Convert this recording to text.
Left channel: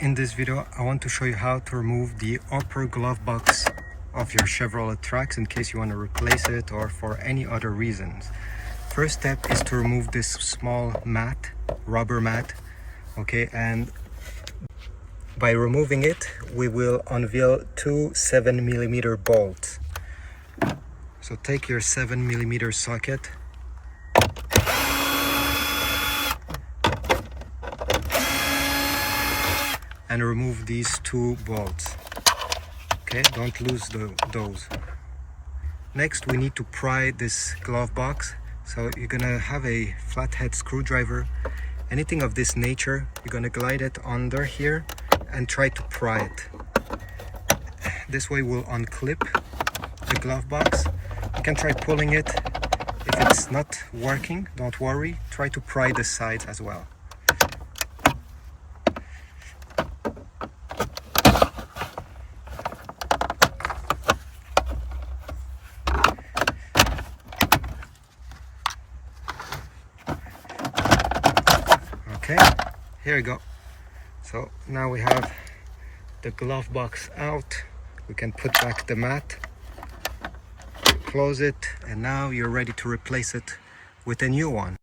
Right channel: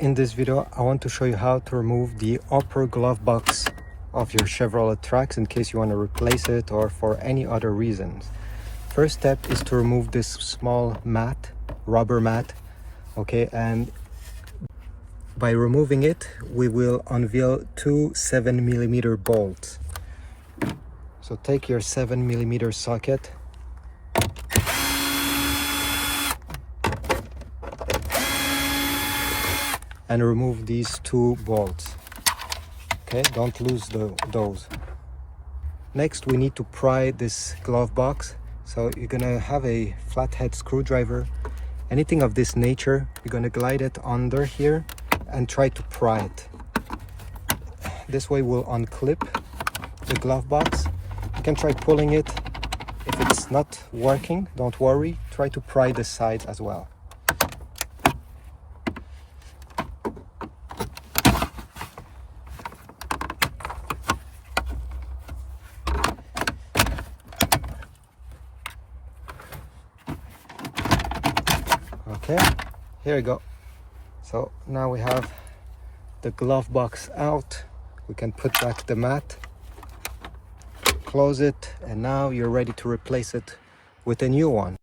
In this video, I want to show you how to remove the upper glove box of your Chevrolet Trax in case you want to replace it or for any other reasons. First step is to remove this small mat, rubber mat, okay, and by removing it, we will unveil two 7mm bolts. So take your 7mm socket and remove these two bolts. Okay, don't lose those. Next, we need to pry this glove box. So you're gonna have a flathead screwdriver, anything of this nature. You're gonna glide it under here and try to pry it. This way we'll unclip the glove box. You can try pulling it. If it's not working, don't worry, try to pry the sides as well. Okay, here we go. So now we have the glove box out. We can put back the mat, close it, and now you're ready to replace it with a new one.